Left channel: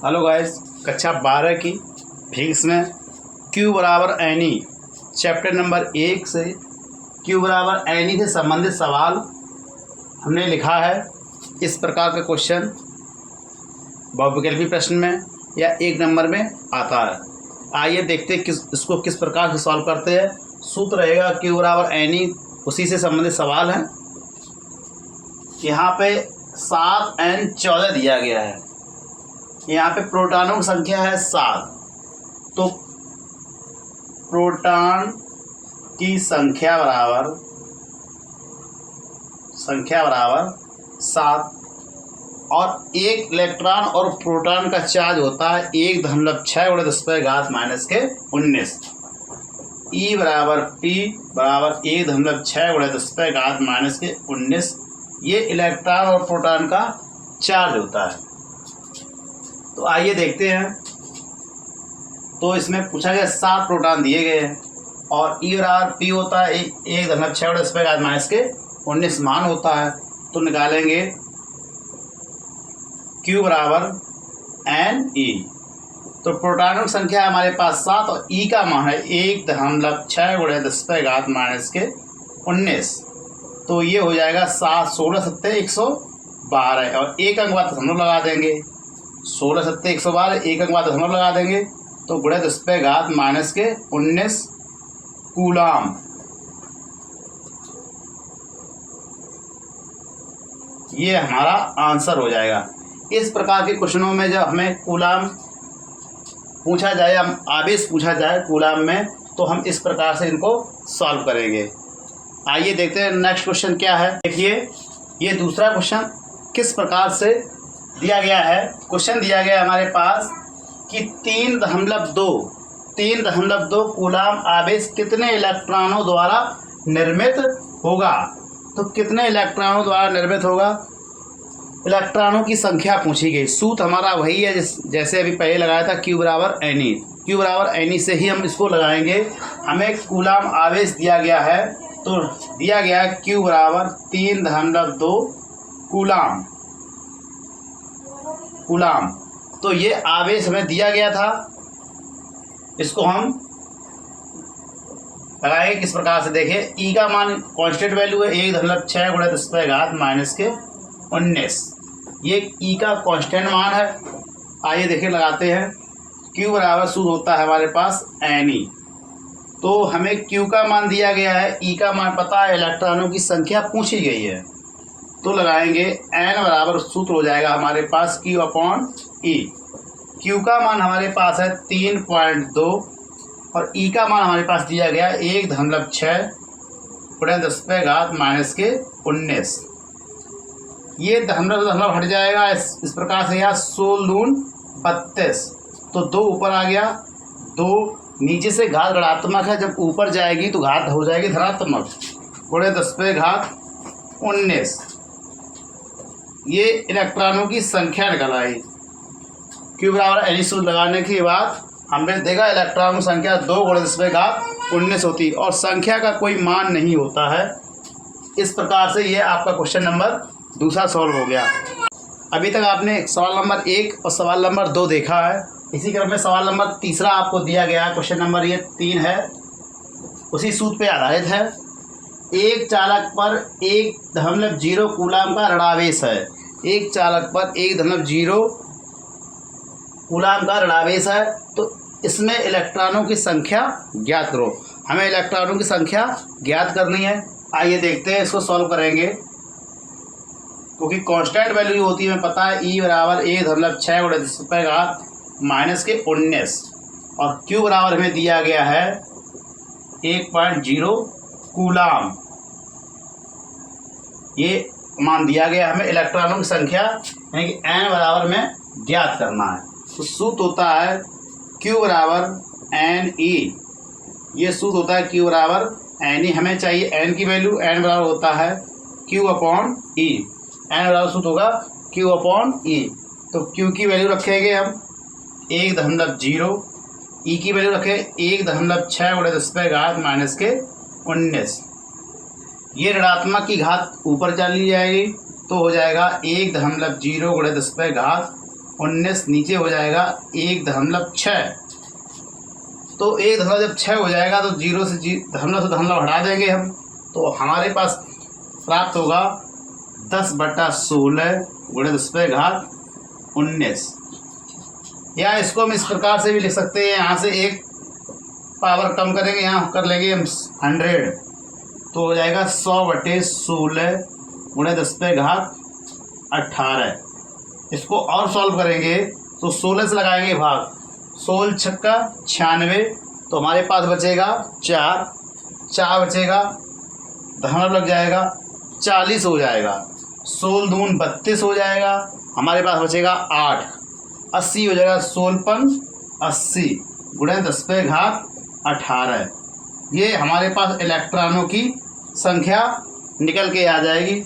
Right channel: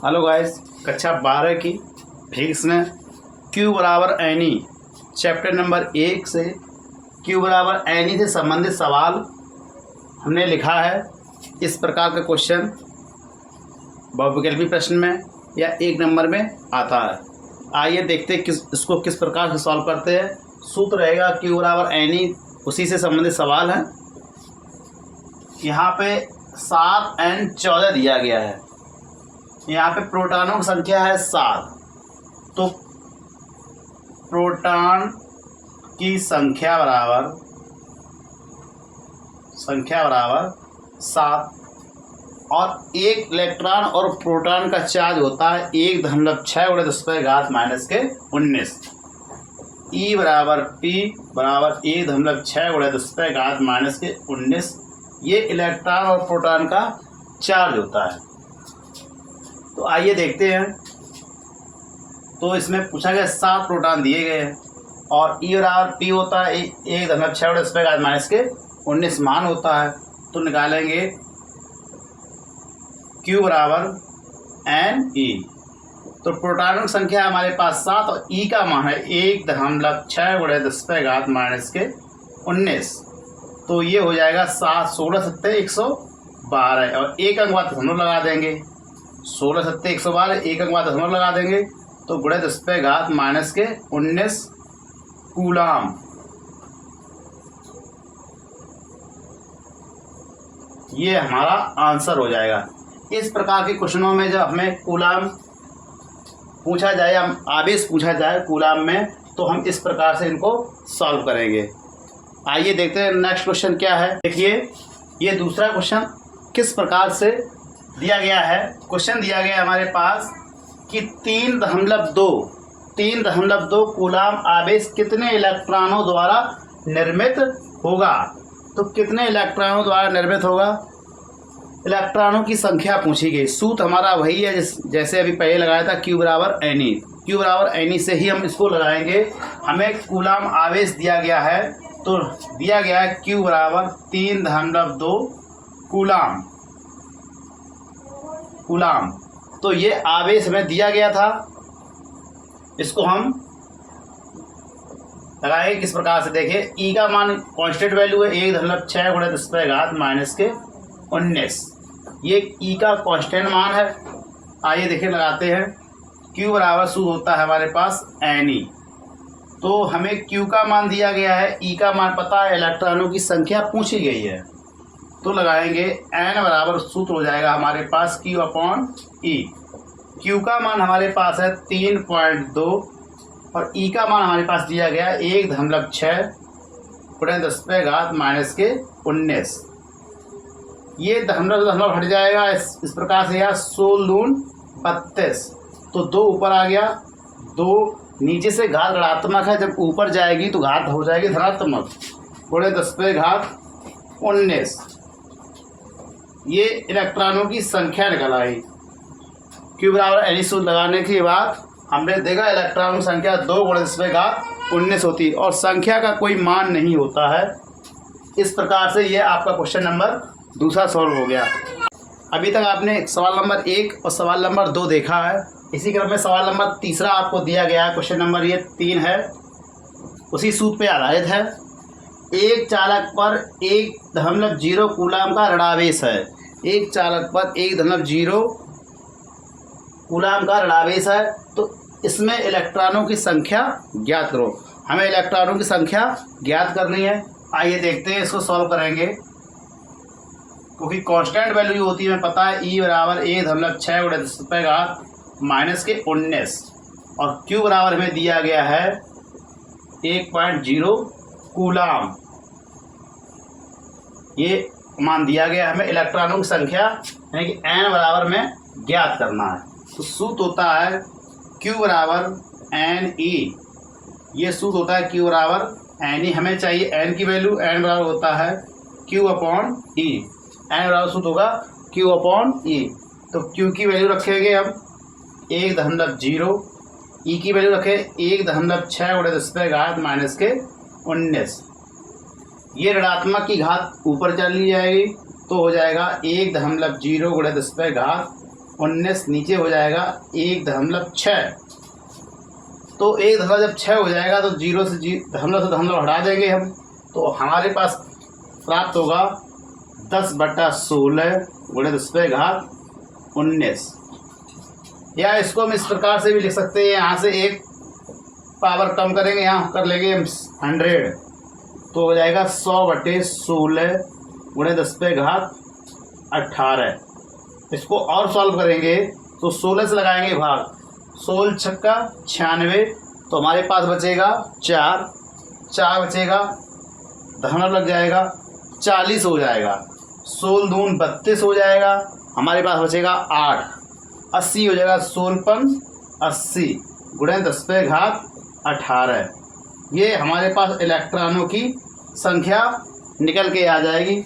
Hello guys, कक्षा 12 की physics में Q बराबर एन ई चैप्टर नंबर 1 से Q बराबर एन ई से संबंधित सवाल हमने लिखा है। इस प्रकार का क्वेश्चन बहुविकल्पी प्रश्न में या 1 नंबर में आता है। आइए देखते हैं इसको किस प्रकार से सॉल्व करते हैं। सूत्र रहेगा Q बराबर एन ई, उसी से संबंधित सवाल है। यहाँ पे 7n14 दिया गया है। यहाँ पे प्रोटॉनों की संख्या है 7, तो प्रोटॉन की संख्या बराबर 7 और एक इलेक्ट्रॉन और प्रोटॉन का चार्ज होता है 1.6×10⁻⁻⁻⁹ ई बराबर पी बराबर 1.6×10⁻⁻⁻⁹ ये इलेक्ट्रॉन और प्रोटॉन का चार्ज होता है। तो आइए देखते हैं। तो इसमें पूछा गया 7 प्रोटॉन दिए गए हैं और ई बराबर पी होता है 1.6×10⁻⁻⁻⁹ मान होता है। तो निकालेंगे Q बराबर एन ई। तो प्रोटॉनों की संख्या हमारे पास 7 और ई का मान है 1.6×10⁻⁻⁻⁹ तो ये हो जाएगा 7 16 7 112 और एक अंक बाद दशमलव लगा देंगे। 16 7 112 एक अंक बाद दशमलव लगा देंगे तो ×10⁻⁻⁻⁹ कूलाम। ये हमारा आंसर हो जाएगा। इस प्रकार के क्वेश्चनों में जब हमें कूलाम पूछा जाए या आवेश पूछा जाए कूलाम में, तो हम इस प्रकार से इनको सॉल्व करेंगे। आइए देखते हैं नेक्स्ट क्वेश्चन क्या है। देखिए, ये दूसरा क्वेश्चन किस प्रकार से दिया गया है। क्वेश्चन दिया गया हमारे पास कि 3.2 कूलाम आवेश कितने इलेक्ट्रॉनों द्वारा निर्मित होगा। तो कितने इलेक्ट्रॉनों द्वारा निर्मित होगा, इलेक्ट्रॉनों की संख्या पूछी गई। सूत्र हमारा वही है जैसे अभी पहले लगाया था, Q बराबर एन ई। Q बराबर एन ई से ही हम इसको लगाएंगे। हमें कूलाम आवेश दिया गया है, तो दिया गया है Q बराबर 3.2 कूलाम। तो ये आवेश हमें दिया गया था। इसको हम लगाएंगे किस प्रकार से। देखिए, ई का मान कांस्टेंट वैल्यू है 1.6×10⁻⁻⁻⁹ ये ई का कांस्टेंट मान है। आइए देखिए लगाते हैं। Q बराबर सूत्र होता है हमारे पास एन ई। तो हमें Q का मान दिया गया है, E का मान पता है, इलेक्ट्रॉनों की संख्या पूछी गई है। तो लगाएंगे N बराबर सूत्र हो जाएगा हमारे पास Q/E। Q का मान हमारे पास है 3.2 और E का मान हमारे पास दिया गया 1.6×10⁻⁻⁻⁹ ये दशमलव हट जाएगा इस प्रकार से, यहाँ 16 दून 32, तो 2 ऊपर आ गया। 2 नीचे से घात ऋणात्मक है, जब ऊपर जाएगी तो घात हो जाएगी धनात्मक, ×10⁻⁹ ये इलेक्ट्रॉनों की संख्या निकल आई। Q बराबर एन ई सूत्र लगाने के बाद हमने देखा इलेक्ट्रॉनों की संख्या 2×10⁻⁻⁹ होती है और संख्या का कोई मान नहीं होता है। इस प्रकार से ये आपका क्वेश्चन नंबर दूसरा सॉल्व हो गया। अभी तक आपने सवाल नंबर 1 और सवाल नंबर 2 देखा है। इसी क्रम में सवाल नंबर तीसरा आपको दिया गया है। क्वेश्चन नंबर ये 3 है, उसी सूत्र पे आधारित है। एक चालक पर 1.0 कूलाम का ऋणावेश है। एक चालक पर 1.0 कूलाम का ऋणावेश है, तो इसमें इलेक्ट्रॉनों की संख्या ज्ञात करो। हमें इलेक्ट्रॉनों की संख्या ज्ञात करनी है। आइए देखते हैं, इसको सॉल्व करेंगे। क्योंकि कांस्टेंट वैल्यू होती है, हमें पता है, E बराबर 1.6×10⁻⁻⁻⁻⁹ और Q बराबर हमें दिया गया है 1.0 कूलाम। ये मान दिया गया हमें। इलेक्ट्रॉनों की संख्या यानी कि N बराबर में ज्ञात करना है। तो सूत्र होता है Q बराबर एन ई। ये सूत्र होता है Q बराबर एन ई। हमें चाहिए N की वैल्यू। N बराबर होता है Q/E। N बराबर सूत्र होगा Q/E। तो Q की वैल्यू रखेंगे हम 1.0, E की वैल्यू रखें 1.6×10⁻⁻⁻⁹ ये ऋणात्मक की घात ऊपर चली जाएगी, तो हो जाएगा 1.0 × 10⁻⁻⁻⁹ 19 नीचे हो जाएगा 1.6। तो 1.6 हो जाएगा तो 0 से दशमलव हटा देंगे हम, तो हमारे पास प्राप्त होगा 10/16 गुणे 10⁻19। या इसको हम इस प्रकार से भी लिख सकते हैं, यहाँ से एक पावर कम करेंगे, यहाँ कर लेंगे हम 100, तो हो जाएगा 100/16 गुणे 10⁻18। इसको और सॉल्व करेंगे तो 16 से लगाएंगे भाग, 16 छक्का 96, तो हमारे पास बचेगा 4 बचेगा, दशमलव लग जाएगा 40 हो जाएगा, 16 दून 32 हो जाएगा, हमारे पास बचेगा 8, 80 हो जाएगा, 16×80 गुणे 10⁻18। ये हमारे पास इलेक्ट्रॉनों की संख्या निकल के आ जाएगी।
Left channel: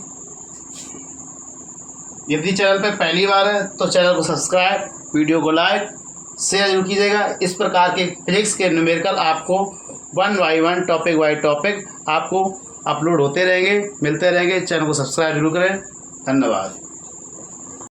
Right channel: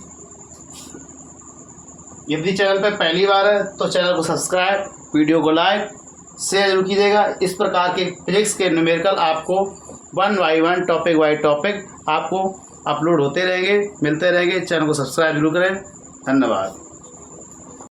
यदि चैनल पर पहली बार है तो चैनल को सब्सक्राइब, वीडियो को लाइक शेयर जरूर कीजिएगा। इस प्रकार के फिजिक्स के न्यूमेरिकल आपको 1 बाय 1 टॉपिक बाय टॉपिक आपको अपलोड होते रहेंगे, मिलते रहेंगे। चैनल को सब्सक्राइब जरूर करें। धन्यवाद।